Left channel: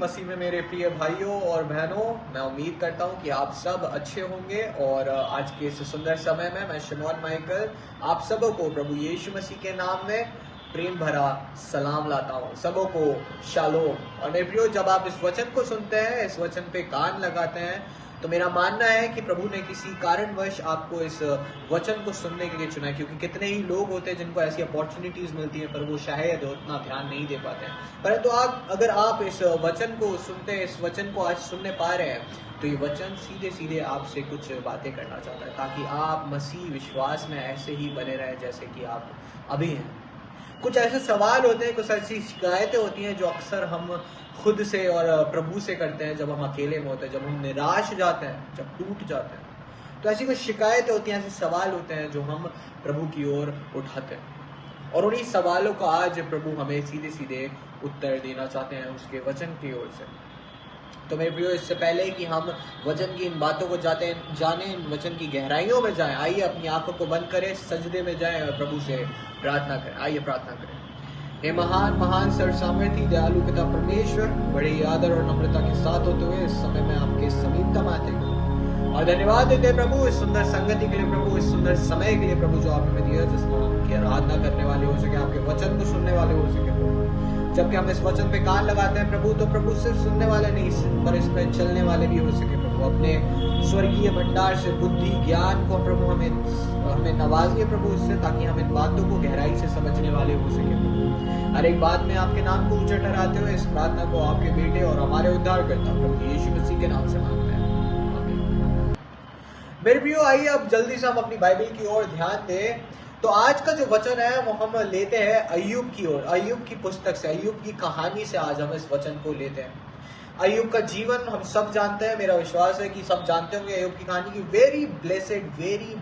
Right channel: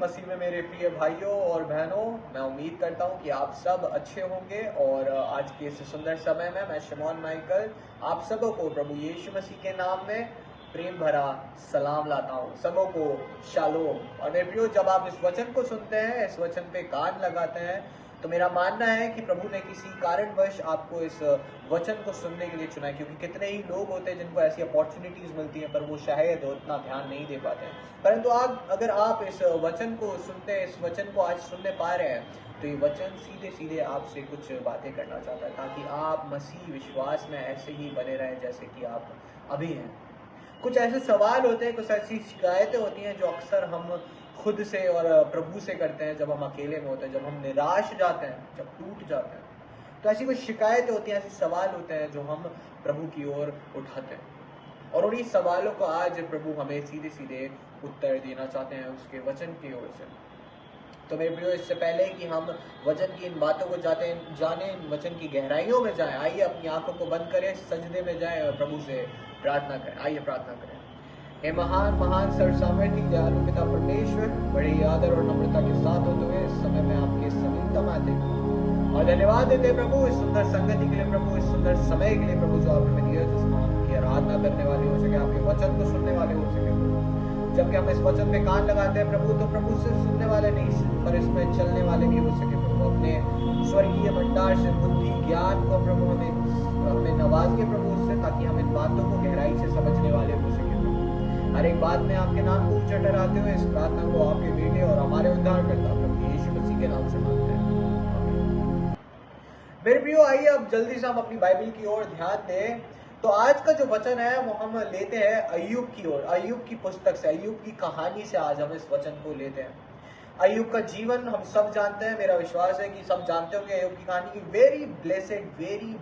मसीह में मेरे प्रिय भाइयों और बहनों, मैं उम्मीद करता हूं कि आप सब अच्छे होंगे। और आज के इस सुंदर समय में मैं शिमोन माइकल आप सबों को प्रभु यीशु मसीह के नाम में प्रेम भरा सलाम लाता हूं। सबों को शालोम। और मेरे प्रियो, जब आप इस वचन को सुनते हैं, इस वचन पे कान लगाते हैं, तो मेरा मानना है कि प्रभु ने किसी कारणवश आपको इस वचन को सुनने के लिए चुना है। क्योंकि कितने ही लोग होते हैं जिनको ऐसी अपॉर्चुनिटीज मिलती हैं, पर वो शायद उतना ध्यान नहीं दे पाते हैं। परंतु अगर आप इस वचन को सुनते हैं, इस वचन को आज सुनने पा रहे हैं, तो ये वचन सीधे सीधे आपसे कुछ बातें करना चाहता है, ताकि आप मसीह विश्वास में ऐसे ही बने रहें जैसे कि आप अभी हैं। कुछ ऐसे सवाल होते हैं, कुछ ऐसी शिकायतें होती हैं जो अक्सर हम खुद से और प्रभु से करते हैं जब हम अकेले में होते हैं, जब हम निराश जाते हैं, जब टूट जाते हैं। तो ऐसी कुछ शिकायतें होती हैं, ऐसे सवाल होते हैं जो हम प्रभु की ओर उठाते हैं। और उन्हीं सवालों का आज प्रभु हमें सीधे सीधे उत्तर देना चाहते हैं उसके वचन की ओर से। तो मेरे प्रियो, इससे पहले कि हम वचन की इन बातों को जाने, वचन की गहराइयों में जाएं, आइए अपनी आंखों को बंद करें, सजदे में जाएं और प्रभु से प्रार्थना करें। आइए प्रार्थना करें। हे महान महान सर्वसामर्थी दयालु पिता परमेश्वर, बड़े आदर और नम्रता के साथ होते हुए इस समय में आपके समीपतम आते हैं और धन्यवाद देते प्रभु इस सुंदर संगति के लिए, प्रभु इस सुंदर समय के लिए, प्रभु जो आपने हमें दिया, जिसमें हम आपकी आराधना करने वाले हो सके, आपके वचन को सुनने वाले हो सके। जबकि हम इस वचन पे कान लगाते हैं प्रभु, तो प्रभु सिर्फ सुनने वाले नहीं, पर इस पर चलने वाले भी हो सके। प्रभु अपने स्वर्गीय भंडार से बुद्धि ज्ञान को प्रभु हमें नवाजिए प्रभु इससे, ताकि हम इन बातों को गहराई से समझने वाले हो सके। प्रभु हर एक बात में आपके नाम को ऊंचा ठहराते हुए इस प्रार्थना को आपके बेटे और हमारे उद्धारकर्ता प्रभु यीशु मसीह के नाम से मांगते हैं, आमीन। मेरे प्रियो, आइए अब जल्दी से हम अपनी बाइबल की ओर ध्यान दें। तो आज का जो वचन है वो हम लेते हैं अय्यूब की ओर, अय्यूब की पुस्तक से, अय्यूब की कहानी से आज हम इस वचन को लेते हैं। अय्यूब का जीवन हम सब जानते हैं, मेरा विश्वास है कि सब जानते होंगे अय्यूब की कहानी की। Very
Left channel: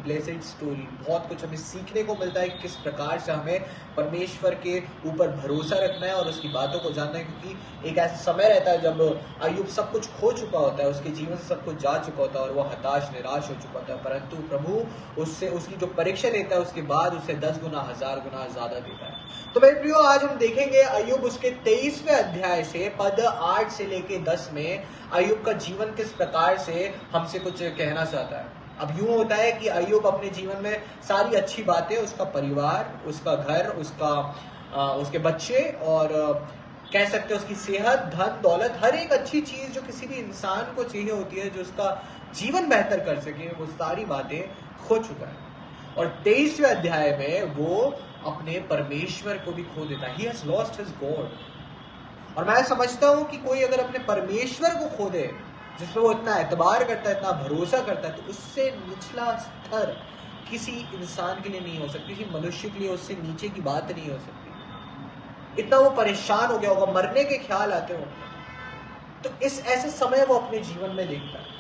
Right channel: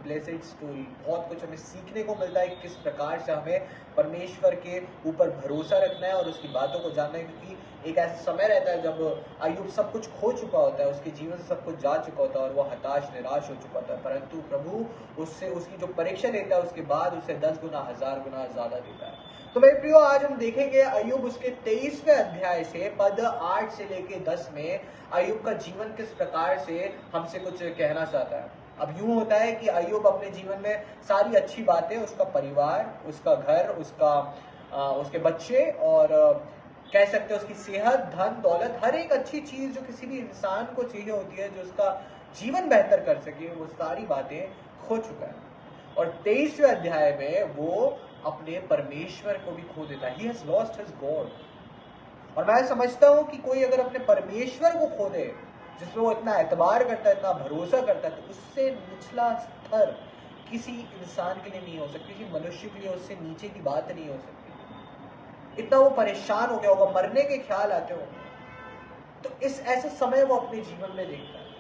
blessed story. बहुत कुछ हमें सीखने को मिलता है कि किस प्रकार से हमें परमेश्वर के ऊपर भरोसा रखना है और उसकी बातों को जानना है। क्योंकि एक ऐसा समय रहता है जब अय्यूब सब कुछ खो चुका होता है, उसके जीवन से सब कुछ जा चुका होता है और वो हताश निराश हो चुका होता है, परंतु प्रभु उससे उसकी जो परीक्षा लेता है उसके बाद उसे 10 गुना 1000 गुना ज्यादा देता है। तो मेरे प्रियो, आज हम देखेंगे अय्यूब उसके 23वें अध्याय से पद 8 से लेके 10 में अय्यूब का जीवन किस प्रकार से हमसे कुछ कहना चाहता है। अब यूं होता है कि अय्यूब अपने जीवन में सारी अच्छी बातें, उसका परिवार, उसका घर, उसके बच्चे और कह सकते हैं उसकी सेहत, धन दौलत, हर एक अच्छी चीज जो किसी भी इंसान को चाहिए होती है, जो उसका जीवन बेहतर कर सके, वो सारी बातें खो चुका है। और 23वें अध्याय में वो अपने परमेश्वर को भी खो देता है। He has lost his God। और मैं समझता हूं कि कोई अगर अपने परमेश्वर को खो दे, जिस पर वो इतना एतबार करता है, इतना भरोसा करता है, तो उससे निचला स्तर किसी इंसान के लिए नहीं हो सकती, किसी मनुष्य के लिए उससे नीचे की बात नहीं हो सकती। इतना वो परेशान हो गया होगा, मरने के ख्याल आते हो, तो इस ऐसे समय वो अपने जीवन में देखता है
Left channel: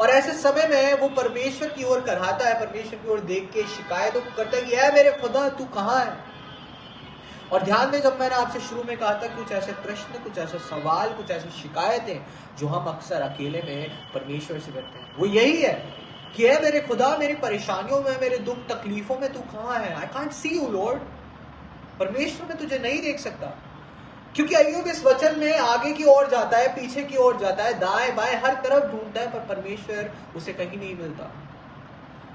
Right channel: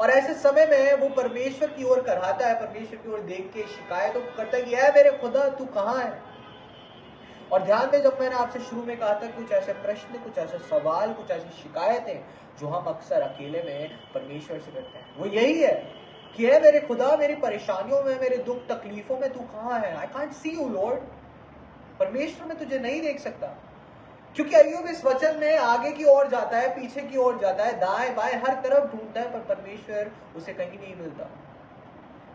और ऐसे समय में वो परमेश्वर की ओर कराता है, परमेश्वर की ओर देख के शिकायतों करता है कि ऐ मेरे खुदा तू कहाँ है। और ध्यान दें, जब मैंने आपसे शुरू में कहा था कुछ ऐसे प्रश्न, कुछ ऐसे सवाल, कुछ ऐसी शिकायतें जो हम अक्सर अकेले में परमेश्वर से करते हैं, वो यही है कि ऐ मेरे खुदा, मेरी परेशानियों में, मेरे दुख तकलीफों में तू कहाँ है। I can't see you Lord. परमेश्वर में तुझे नहीं देख सकता। क्योंकि अय्यूब इस वचन में आगे की ओर जाता है, पीछे की ओर जाता है, दाएं बाएं हर तरफ ढूंढता है, पर परमेश्वर उसे कहीं नहीं मिलता।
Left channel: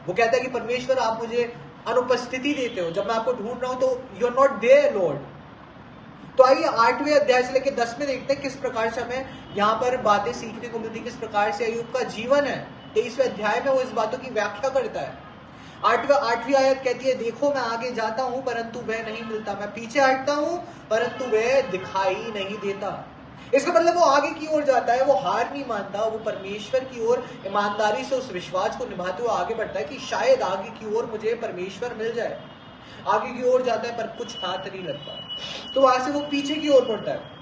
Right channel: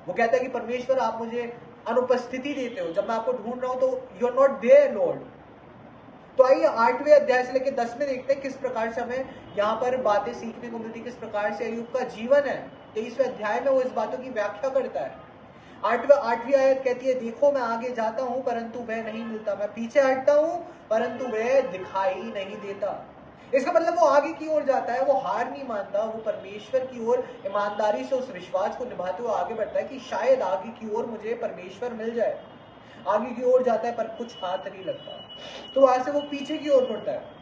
वो कहता है कि परमेश्वर आप मुझे अनुपस्थिति देते हो, जब मैं आपको ढूंढ रहा हूं तो you are not there Lord. तो आइए 8वें अध्याय से लेकर 10 में देखते हैं किस प्रकार से हमें यहाँ पर बातें सीखने को मिलती, किस प्रकार से अय्यूब का जीवन है। 23वें अध्याय में वो इस बातों की व्याख्या करता है। 8वीं आयत कहती है, देखो मैं आगे जाता हूं परंतु वह नहीं मिलता, मैं पीछे हटता हूं परंतु वह दिखाई नहीं देता। इसका मतलब वो आगे की ओर जाता है, वो हार नहीं मानता, वो परमेश्वर की ओर ईमानदारी से उस विश्वास को निभाते हुए आगे बढ़ता है कि शायद आगे की ओर मुझे परमेश्वर मिल जाए। आगे की ओर जाता है पर कुछ हाथ नहीं लगता, तो वहां से वो पीछे की ओर मुड़ता है।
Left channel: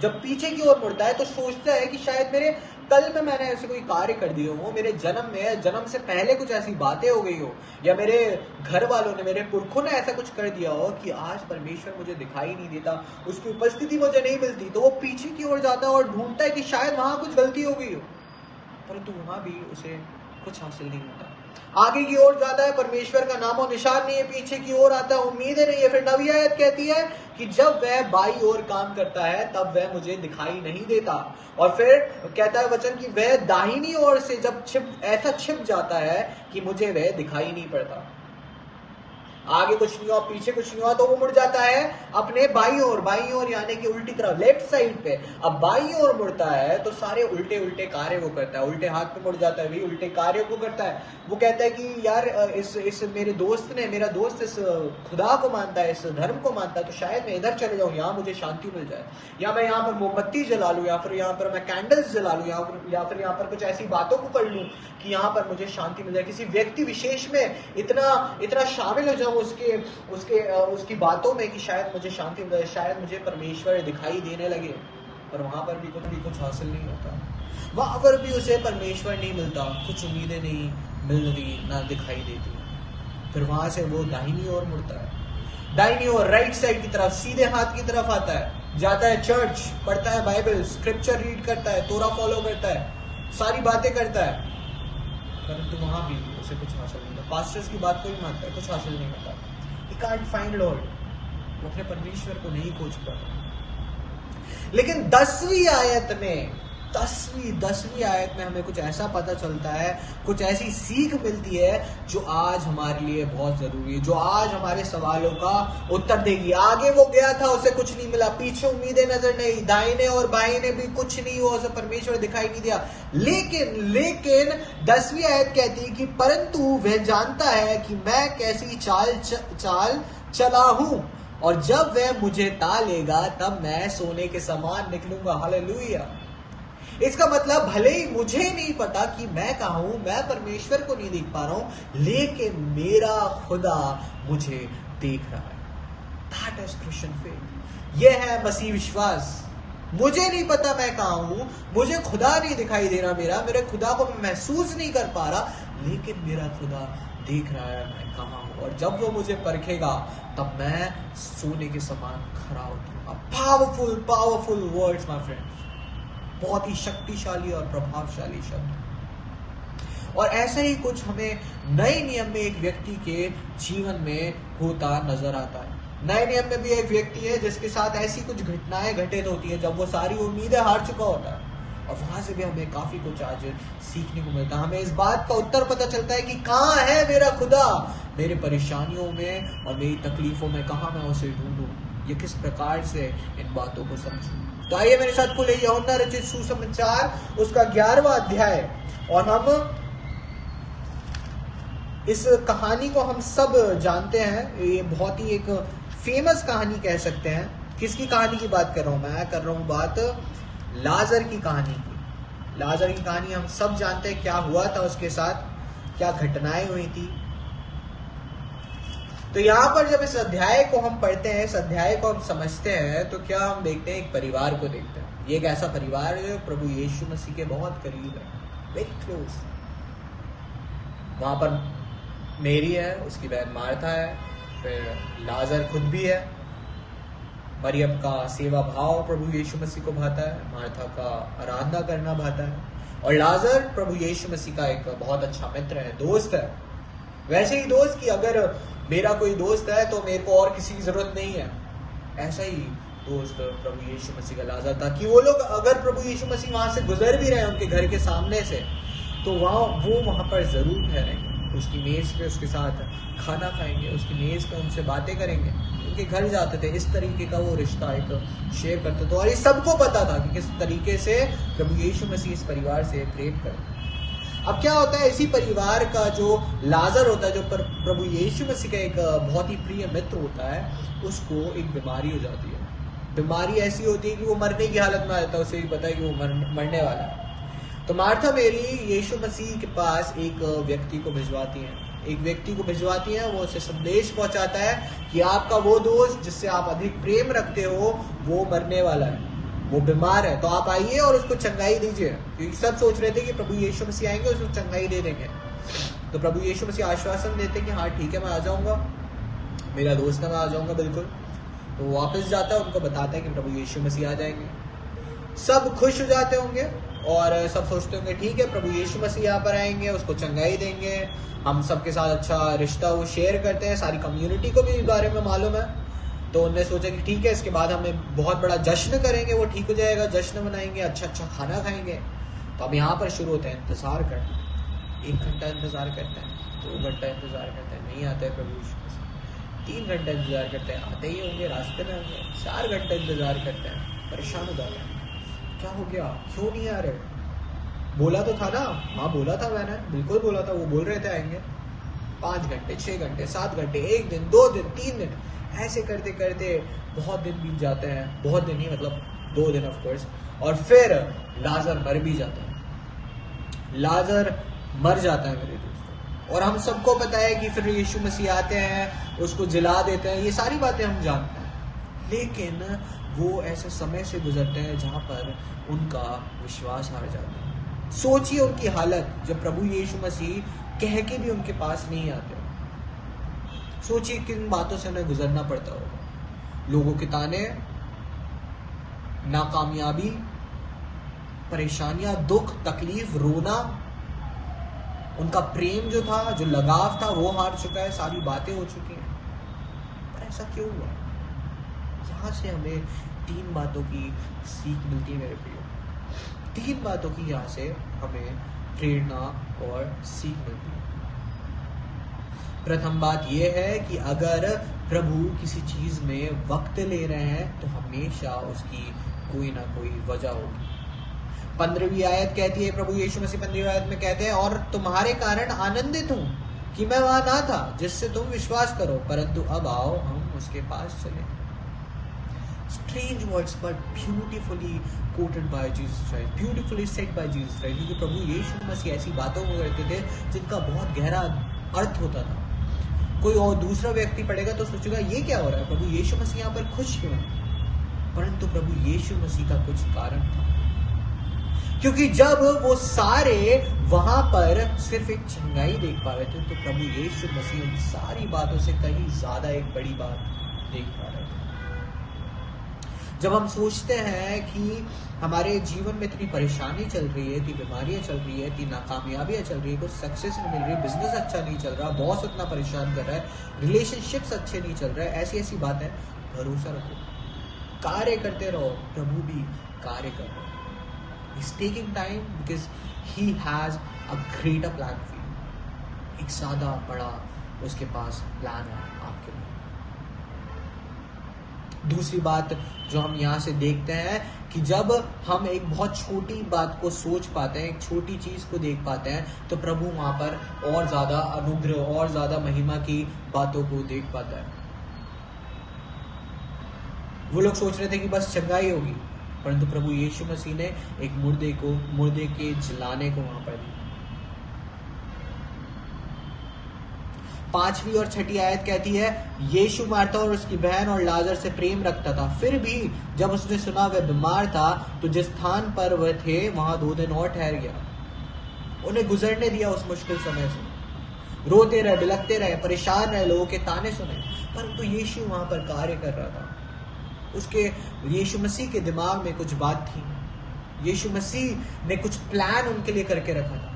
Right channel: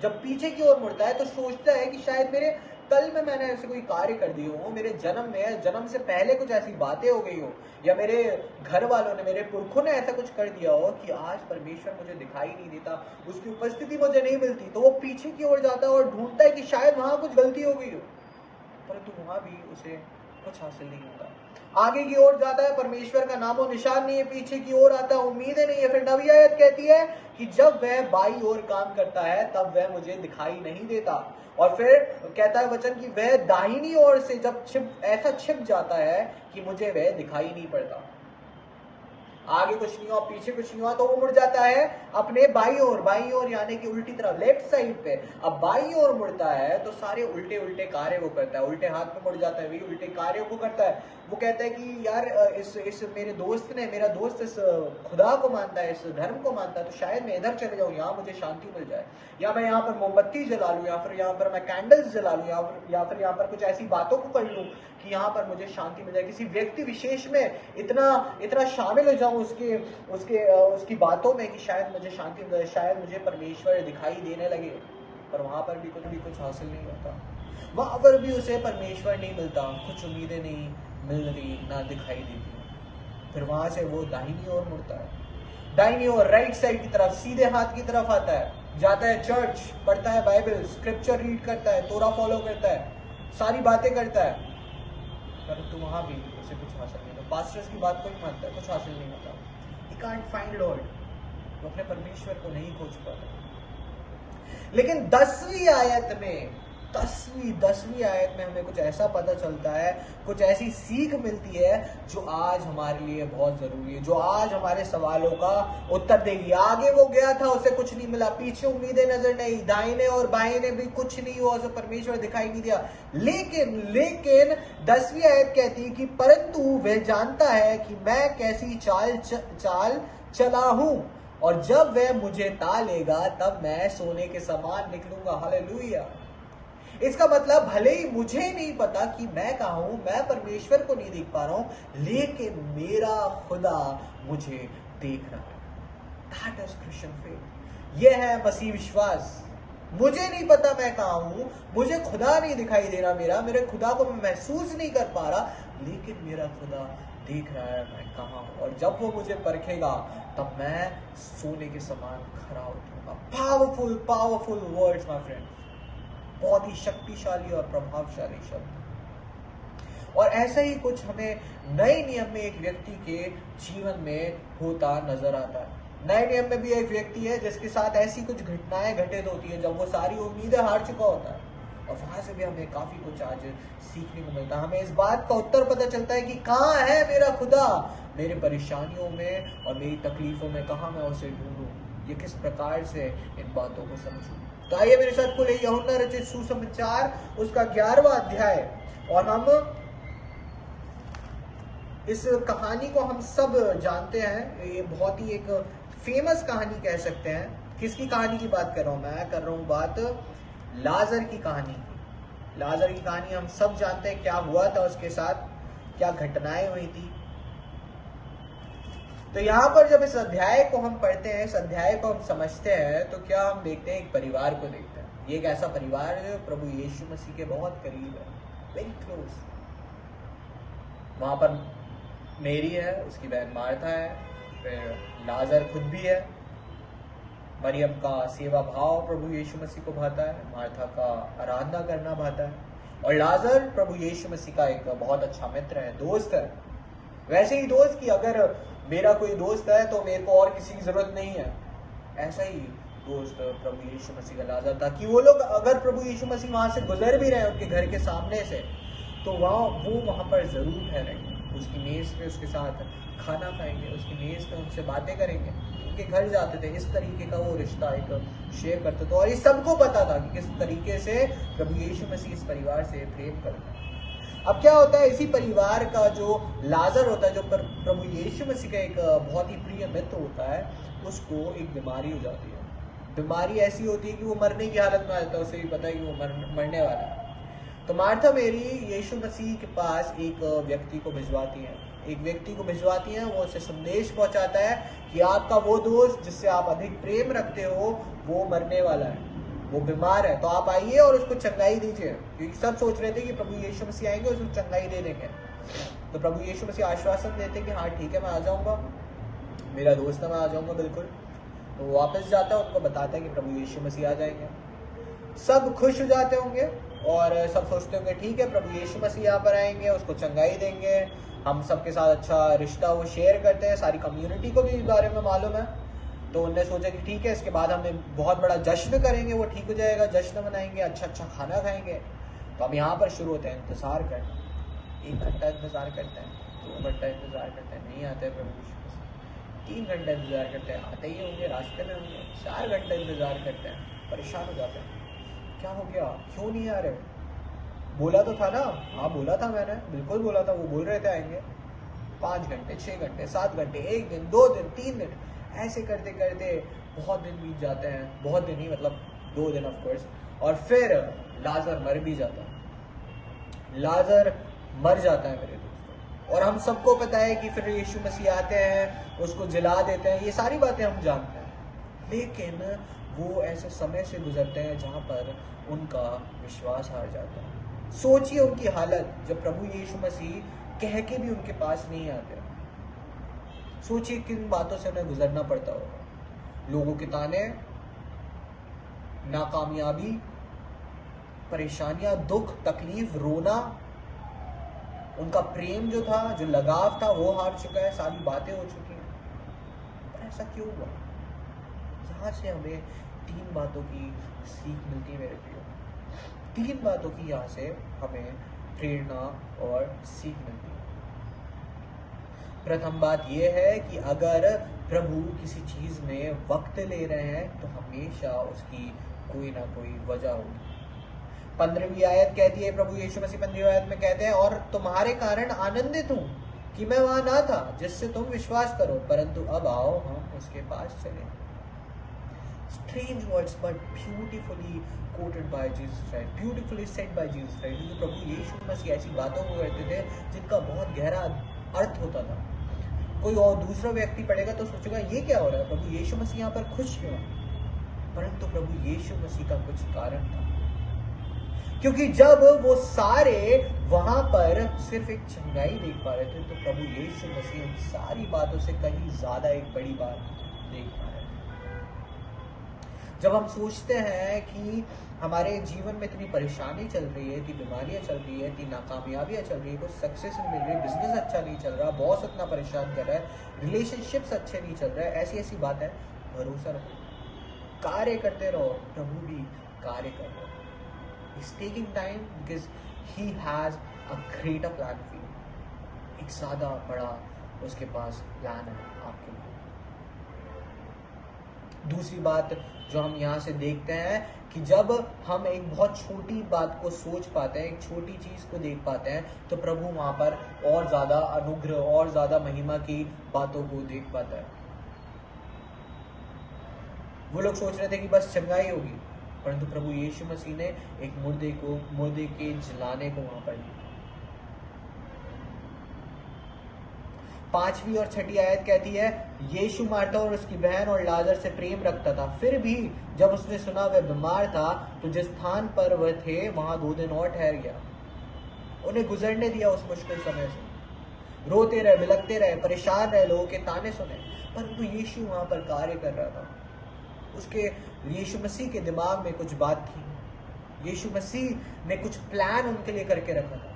जब पीछे की ओर मुड़ता है तो सोचता है कि शायद मेरे कल में मैंने ऐसे कोई कार्य कर दिए हो, मेरे जन्म से पहले कुछ ऐसी बातें हो गई हो, या मेरे घर वालों ने, मेरे पुरखों ने ऐसा कुछ कर दिया हो कि आज परमेश्वर मुझे दिखाई नहीं देता, उसकी उपस्थिति मुझे नहीं मिलती। तो वो पीछे की ओर जाता है और ढूंढता है कि शायद वहां कुछ गलती हो गई हो, परंतु वहां भी उसे कुछ हासिल नहीं होता। आगे की ओर जाता है, परमेश्वर का नामो निशान नहीं है, पीछे की ओर आता है, उम्मीदें नहीं है। फिर नवी आयत कहती है कि जब वह बाई ओर काम करता है तब वह मुझे दिखाई नहीं देता। और फिर कहता है वचन कि वह दाहिनी ओर से जब ऐसा छिप जाता है कि मुझे वह दिखाई नहीं पड़ता। आगे कुछ नहीं हुआ, पीछे कुछ नहीं हुआ, तो वो मुड़ जाता है अपने बाई ओर यानी कि उल्टी तरफ, लेफ्ट साइड पे। अब बाई ओर मुड़ता है तो सारे उल्टे उल्टे कार्य वो करता है, उल्टे हाथ पे मुड़ जाता है, वही उल्टे कार्य को करता है। वो कहता है कि यार इस मेरा दोस्त इस खुदा को मानता है, इस धर्म को मानता है, तो शायद मैं इधर चले जाऊं, यहाँ मुझे शांति मिल जाए, या मैं यहाँ पर मोमबत्ती जला लूं, या फिर यहाँ पर मैं कैंडल्स जला लूं, या फिर यहाँ पर कुछ ऐसी बातों को कर लूं कि यहाँ पर मुझे शांति मिल जाए। किसी व्यक्ति विशेष में इतना शामिल हो जाऊं उसकी बातों में कि शायद मुझे शांति मिल जाए, शायद मुझे परमेश्वर दिखाई देने लगे। पर वहां पर भी कुछ हासिल नहीं होता, वहां पर भी उसे परमेश्वर नहीं मिलता, कुछ उम्मीदें नहीं मिल रही, ना दिखाई देती। फिर वहां से वो दाहिनी ओर मुड़ता है, दाहिनी ओर राइट साइड की तरफ, सीधे हाथ की तरफ आता है, जाता है चर्च, पढ़ता है बाइबल, स्क्रिप्चर रीड करता है, तोरा फॉलो करता है, सारी बातें करता है, परंतु वहां भी उसे कुछ हासिल नहीं होता। पास्टर्स की बात को ही मानता है, कुछ हासिल नहीं होता। He can't find Lord, वो अपने परमेश्वर को नहीं खोज पाता। लेकिन 10वीं आयत में हमें कुछ ऐसा पता चलता है, कुछ ऐसी सीख मिलती है जो आज हमारे लिए बहुत जरूरी है, जो आज हमारे सवालों का उत्तर देगी। आगे वो गया था, उसे कुछ नहीं मिला, पीछे उम्मीदें नजर नहीं, दाहिने और बाहिने भी कुछ नहीं हुआ, उसे परमेश्वर दिखाई नहीं दिया। लेकिन 10वीं आयत कहती है कि परंतु वह जानता है कि मैं कैसी चाल चला हूं, और जब वह मुझे तालेगा तब मैं सोने के समान निकलूंगा। हालेलुया। इसका मतलब भले ही मुझे नहीं पता कि मैं कहां हूं, मैं परमेश्वर को नहीं देख पा रहा हूं, लेकिन मेरा खुदा मुझे देख रहा है। That is Christian faith। यह है मसीह विश्वास। मुझे नहीं पता मैं कहां हूं, मुझे खुदा नहीं दिखाई दे रहा, मेरे खुदा को मैं महसूस नहीं कर पा रहा, लेकिन मेरा खुदा देख रहा है मैं कहां हूं, और जब वो मुझे परखेगा तब मैं सोने के समान खरा उतरूंगा। पावरफुल वर्ड्स माय फ्रेंड, बहुत ही शक्तिशाली और प्रभावशाली शब्द। और ऐसा ही कुछ हमें नए नियम में एक व्यक्ति के जीवन में होता नजर आता है। नए नियम में भी एक व्यक्ति है जिसके साथ ऐसी कुछ घटनाएं घटित होती है जब वो सारी उम्मीदें हार चुका होता है, और वहां से भी हमें काफी कुछ आज सीखने को मिलता है। हमें इस बात का उत्तर पता चलता है कि कहाँ है मेरा खुदा, मेरे परेशानियों में और मेरी तकलीफों में कहाँ मैं उसे ढूंढूं, ये किस प्रकार से इन बातों को समझूं। तो आइए मेरे साथ खुले यूहन्ना रचित सुसमाचार उसका 11वां अध्याय, और हम इस कहानी को हम सब जानते हैं, ये बहुत ही एक फेमस कहानी कह सकते हैं। किसकी कहानी की बात कर रहा हूं मैं कर रहा हूं बात लाजर की कहानी की। लाजर की कहानी हम सब जानते हैं, क्या हुआ था उसके साथ, क्या घटनाएं हुई थी। तो यहाँ पर जब इस अध्याय को हम पढ़ते हैं, इस अध्याय को हम समझते हैं, तो क्या हम देखते हैं, एक परिवार को देखते हैं। ये एक ऐसा परिवार है जो प्रभु यीशु मसीह के बहुत करीब है, वेरी क्लोज। वहां पर मेरी है, उसकी बहन मार्था है, फिर लाजर खुद भी है। मरियम का सेवा भाव प्रभु यीशु मसीह को भाता है, मार्था का आराधना करना भाता है, और लाजर प्रभु यीशु मसीह का एक बहुत अच्छा मित्र है, दोस्त है। वैसे ही दोस्त कि अगर मेरा कोई दोस्त है तो मेरे को और किसी की जरूरत नहीं है, ऐसा ही दोस्त प्रभु यीशु मसीह का लाजर था कि वो लोग अगर प्रभु यीशु मसीह वहां से गुजर भी रहे हैं उनके घर के सामने से, तो वो वहां पर जरूर ठहरेंगे, उसकी मेज पे उसके साथ खाना खाएंगे, उसकी मेज पे उनसे बातें करेंगे, उनके घर जाते थे। इस तरीके का वो रिश्ता एक शेयर करते थे, और ये सबको पता था कि किस तरीके से प्रभु यीशु मसीह इस परिवार से प्रेम करते हैं। अब क्या होता है, इसी परिवार का जो लाजर होता है, जो प्रभु यीशु मसीह का एक बहुत ही प्रिय मित्र होता है, उसको एक बीमारी हो जाती है। बीमारी ऐसी होती है कि वो मरने की हालत में आ जाता है, उसे भी पता है कि वो मरने वाला है। तो मार्था मेरी यीशु मसीह के पास एक व्यक्ति को भिजवाती है, वो उसे संदेश पहुंचाता है कि आपका वो दोस्त जिससे आप अधिक प्रेम रखते हो वो मरने वाला है, वो बीमार है, तो आप आइए और उसको चंगाई दीजिए। क्योंकि सब सोच रहे थे कि प्रभु यीशु मसीह आएंगे उसको चंगाई दे देंगे। तो प्रभु यीशु मसीह आश्वासन देते कि हाँ ठीक है, मैं आ जाऊंगा, मेरा दोस्त है, मैं आ जाऊंगा बिल्कुल। तो वो वापस जाता है, उनको बताता है कि प्रभु यीशु मसीह आ जाएंगे। सब खुश हो जाते होंगे, और सब सोचते होंगे ठीक है प्रभु यीशु मसीह यहाँ पर आएंगे, उसको चंगाई देंगे, हम सबके साथ अच्छा रिश्ता वो शेयर करते हैं, सारी कम्युनिटी को भी इस बारे में मालूम है। तो उनने सोचा कि ठीक है इसके बाद हमें बहुत बड़ा जश्न करेंगे, वो ठीक हो जाएगा, जश्न मनाएंगे, अच्छा अच्छा खाना खाएंगे। तो अब यहाँ पर शुरू होते हैं इंतज़ार करना। 1 घंटा इंतज़ार करते हैं, 2 घंटा इंतज़ार करते हैं, नहीं आते हैं प्रभु यीशु मसीह। 3 घंटा इंतज़ार करते हैं, आते ही होंगे, रास्ते में होंगे। 4 घंटे इंतज़ार करते हैं, परेशान हो जाते हैं, क्या हो गया, क्यों नहीं आ रहे? बोला तो था ना, हाँ बोला था मैंने, बिल्कुल बोला था, वो बोल रहे थे आएंगे। 5 घंटे, 6 घंटे, 7 घंटे, 1 दिन, 2 दिन, 3 दिन, ऐसे करते करते बहुत दिन बीत जाते हैं। बहुत दिन ही मतलब 2 दिन ऑफ कोर्स। और फिर लाजर मर भी जाता है, लाजर मर जाता है मेरे दोस्तों। और हम सबको पता है कि फिर यीशु मसीह आते हैं, उसको जिला देते हैं, ये सारी बातें हम जानते हैं। लेकिन वो ऐसे समय से गुजरते हैं जहाँ पर उनका विश्वास हार जाता है। सोचिए उनकी हालत जब प्रभु यीशु मसीह कह के भी उनके पास नहीं आते। सोचिए किन बातों से उन्हें गुजरना पड़ता होगा। लोगों के ताने, नाकामयाबी, परेशानियां, दुख, तकलीफ, रोना, उनका प्रेम जो था, जो लगाव था, वो हार चुका है, सारी बातें हो चुकी हैं। पर ऐसा क्यों हुआ? यहां से हमें 3 बातों की सीख मिलती है मेरे प्रियो। 3 बातों की यहाँ से हमें प्रेरणा और सीख मिलती है। प्रथम बात यह है कि अगर प्रभु किसी चीज में वक्त ले रहे हैं तो हमेशा उसकी कोई ना कोई वजह होगी। 15वीं आयत कहती है, प्रभु यीशु मसीह 15वीं आयत में कहते हैं, और तुम्हारे कारण आनंदित हूं कि मैं वहां ना था जिससे तुम विश्वास करो, परंतु अब आओ हम उसके पास चले। Strange words but beautifully quoted by Jesus Christ, beautifully said by Jesus Christ, क्योंकि प्रभु यीशु मसीह ऐसी बातों को करते थे जिनका बहुत गहरा अर्थ होता था। कोई और दूसरा व्यक्ति पढ़ेगा तो सोचेगा ये क्या हो रहा है, प्रभु यीशु मसीह यहाँ पर खुश क्यों है? परंतु प्रभु यीशु मसीह का कुछ कारण था, क्योंकि जब वो सारे वहां पर सिर्फ एक चंगाई देख पा रहे थे तो प्रभु यीशु मसीह उन सारी बातों से कहीं ज्यादा एक बड़ी बात देख पा रहे थे। जब हम सोचते हैं कि हमारे जीवन में इतनी परेशानी चल रही है, इतनी बीमारियां चल रही है, इतनी नाकामयाबियां चल रही है, कुछ सक्सेस नहीं मिल रही, बिजनेस अच्छा नहीं चल रहा, बॉस इतना परेशान कर रहा है, रिलेशनशिप्स अच्छे नहीं चल रहा है, ऐसी ऐसी बात है, भरोसा रखो, कार्य करते रहो, प्रभु भी कार्य कर रहे हैं। He's taking time because he has a greater plan for you. एक ज्यादा बड़ा उसके पास प्लान है आपके लिए। दूसरी बात जो हम यहाँ से देखते हैं कि जब हम एक बहुत छोटी बात को सोच पाते हैं, एक छोटी चीज को देख पाते हैं, तो प्रभु वहां पर और ज्यादा अनुग्रह और ज्यादा महिमा की बातों को देख पाता है। वो लोग सोच रहे थे कि बस चंगाई होगी, परंतु प्रभु यीशु मसीह ने एक मुर्दे के जिलाने को वहां पर दिया। 5वीं और 6ठी आयत कहती है, यीशु मार्था और उसकी बहन और लाजर से प्रेम रखता था। फिर भी जब उसने सुना वह बीमार था तो जिस स्थान पर वह थे वहां 2 दिन और ठहर गया। उन्हें गुजरने दिया उस मुश्किल समय से। रोते रहे, बिलखते रहे, परेशान रहे, लोगों के ताने सुने, परंतु यीशु वहां पर कार्य कर रहा था। यीशु मसीह के दिमाग में कुछ बात थी, यीशु मसीह ने कुछ प्लान उनके लिए करके रखा था,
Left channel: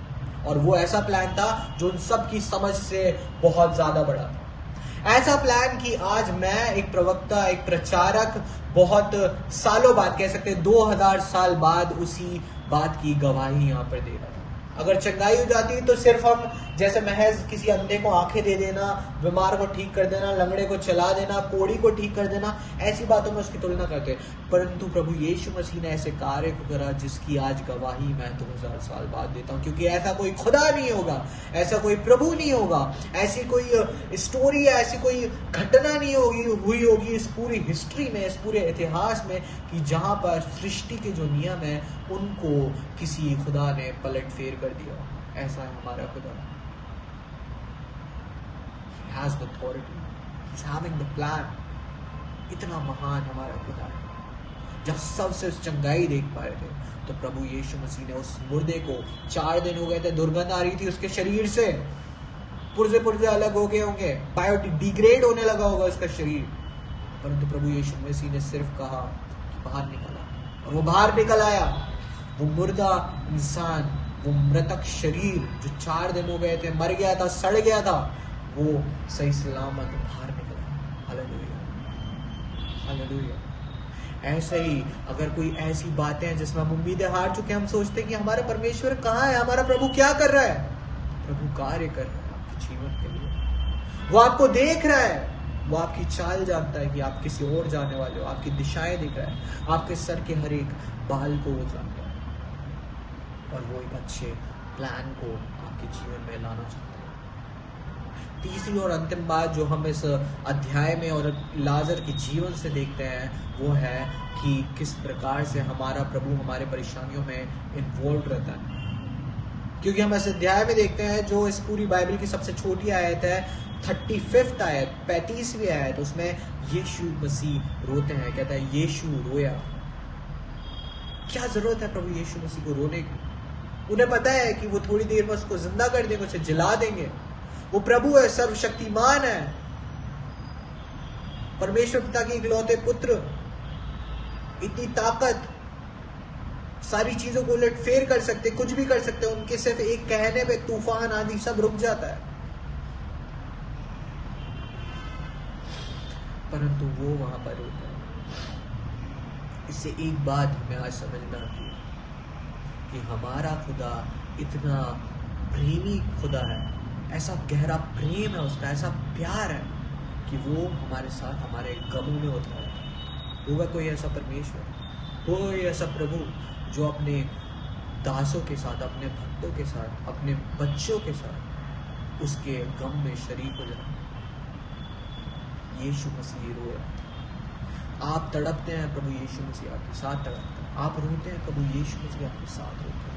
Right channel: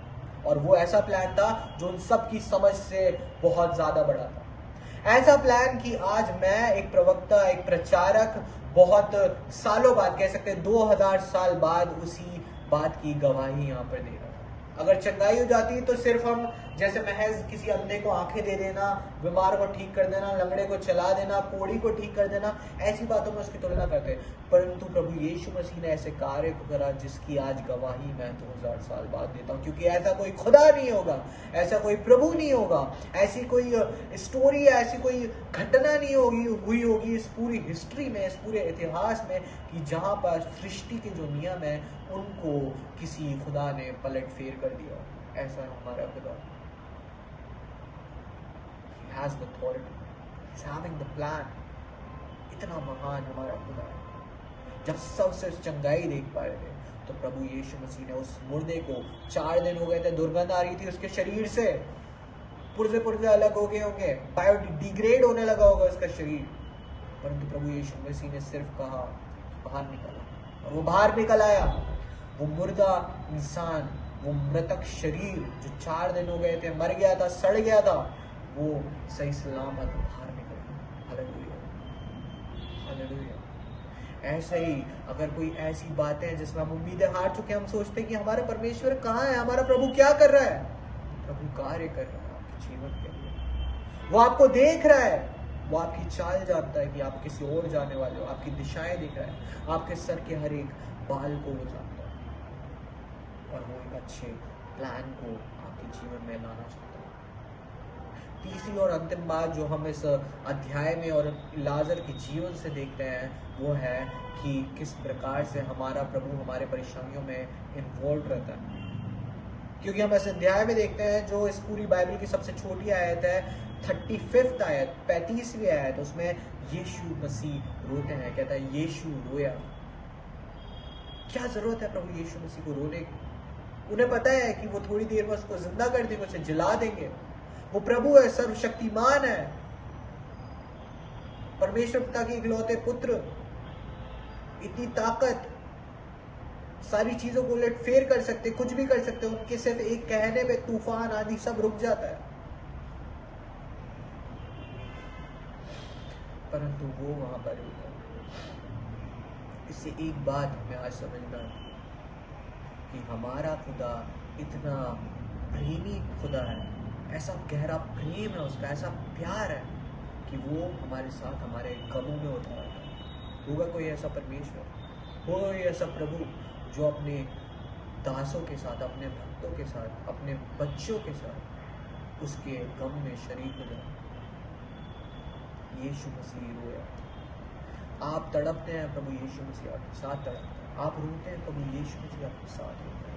और वो ऐसा प्लान था जो उन सब की समझ से बहुत ज्यादा बड़ा था। ऐसा प्लान कि आज मैं एक प्रवक्ता, एक प्रचारक, बहुत सालों बाद, कह सकते हैं 2000 साल बाद उसी बात की गवाही यहाँ पर दे रहा था। अगर चंगाई हो जाती तो सिर्फ हम जैसे महज किसी अंधे को आंखें दे देना, बीमार को ठीक कर देना, लंगड़े को चला देना, कोढ़ी को ठीक कर देना, ऐसी बातों में उसकी तुलना करते, परंतु प्रभु यीशु मसीह ने ऐसे कार्य को करा जिसकी आज गवाही मैं 2000 साल बाद देता हूँ, क्योंकि ऐसा कोई खुदा नहीं होगा, ऐसा कोई प्रभु नहीं होगा, ऐसी कोई स्टोरी, ऐसी कोई घटना नहीं हुई होगी इस पूरी हिस्ट्री में, इस पूरे इतिहास में, कि जहां पर सृष्टि के जो नियम है उनको किसी खुदा ने पलट फेर कर दिया। ऐसा है हमारा खुदा। He has the authority. He's having the plan. इतना महान हमारा खुदा है। जब सबसे चंगाई देख पा रहे थे तो प्रभु यीशु मसीह ने उस मुर्दे को, 4 दिन हो गए थे, दुर्गंध आ रही थी उसके शरीर से, पुर्जे अलग हो गए होंगे, बायोडिग्रेड होने लगा होगा उसका शरीर, परंतु प्रभु यीशु मसीह ने सिर्फ कहा कि बाहर निकला, और वो बाहर निकल आया। वो मुर्दा इंसान, वो मृतक शरीर जो 4 दिन हो गए थे, मर गया था, सड़ गया था, वो सही सलामत बाहर निकला। Hallelujah, hallelujah. ऐसे ही अगर कोई ऐसी बातें हैं जिसमें हम उम्मीदें हार चुके हैं, हम सोचते हैं कि हमारा परमेश्वर कहाँ है, हमारा प्रभु क्या कर रहा है, प्रभु कार्य कर रहा है आपके जीवन के लिए। वो आपको देख रहा है, वो आपकी चाल जानता है कि आप किसी और जाने वाले हो, आपकी दिशाएं दिख रहा है, आपके सर के हर एक बाल को वो जानता है, और वो एक अच्छे प्लान को आपके जीवन में लाना चाहता है। तीसरी और अंतिम बात जो हम इस अध्याय में और लाजर के जीवन से देखते हैं, वो है कि किस प्रकार से हमारा प्रभु हमारे परेशानियों में इन्वॉल्व रहता है। क्योंकि हम इस अध्याय में देखते हैं, जो इस पूरी बाइबल की सबसे छोटी आयत है, 35वीं आयत, 35वीं आयत, उसमें यीशु मसीह रोते हैं। कहता है यीशु रोया। क्या जरूरत है प्रभु यीशु मसीह को रोने की? उन्हें पता है कि वो थोड़ी देर में उसको जिंदा कर देंगे, उसे जला देंगे। वो प्रभु है, सर्वशक्तिमान है, परमेश्वर पिता के इकलौते पुत्र, इतनी ताकत, सारी चीजों को उलट फेर कर सकते, कुछ भी कर सकते। उनके सिर्फ एक कहने में तूफान आंधी सब रुक जाता है, परंतु वो वहां पर होते हैं। इससे एक बात हमें आज समझना है कि हमारा खुदा इतना प्रेमी खुदा है, ऐसा गहरा प्रेम है उसका, ऐसा प्यार है कि वो हमारे साथ हमारे गमों में होता है। होगा कोई ऐसा परमेश्वर, होगा कोई ऐसा प्रभु जो अपने दासों के साथ, अपने भक्तों के साथ, अपने बच्चों के साथ उसके गम में शरीक हो जाए? यीशु मसीह रोया। आप तड़पते हैं, प्रभु यीशु मसीह आपके साथ तड़पते हैं। आप रोते हैं, प्रभु यीशु मसीह आपके साथ रोते हैं।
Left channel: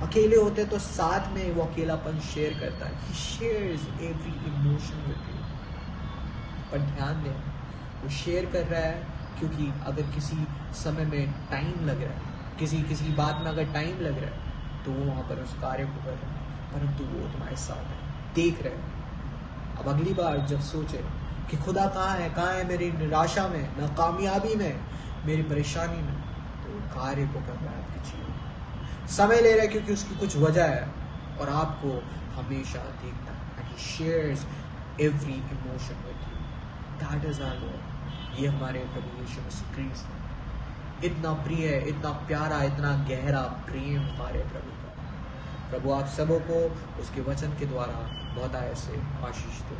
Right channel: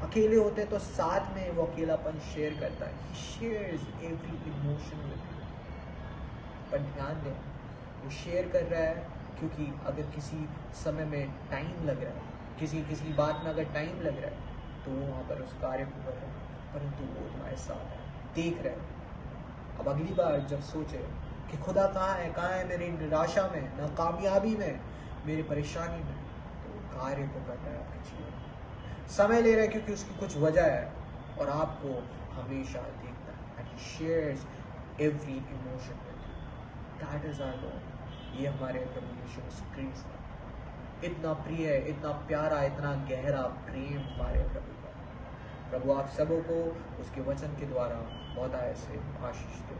अकेले होते हैं तो साथ में वो अकेलापन शेयर करता है। He shares every emotion with you। पर ध्यान दें, वो शेयर कर रहा है क्योंकि अगर किसी समय में टाइम लग रहा है, किसी बात में अगर टाइम लग रहा है, तो वो वहाँ पर उस कार्य को कर रहा है, परंतु वो तुम्हारे साथ है, देख रहे हैं। अब अगली बार जब सोचे कि खुदा कहाँ है मेरी निराशा में, नाकामयाबी में, मेरी परेशानी में, तो कार्य को कर रहा है आपके जीवन में। समय ले रहा है क्योंकि उसकी कुछ वजह है, और आपको हमेशा देखता है। And he shares every emotion with you। That is our Lord। ये हमारे प्रभु यीशु मसीह क्रिस्ट है। इतना प्रिय, इतना प्यारा, इतना गहरा प्रेम हमारे प्रभु का। प्रभु आप सबों को उसके वचन के द्वारा बहुत आय से आशीष दे।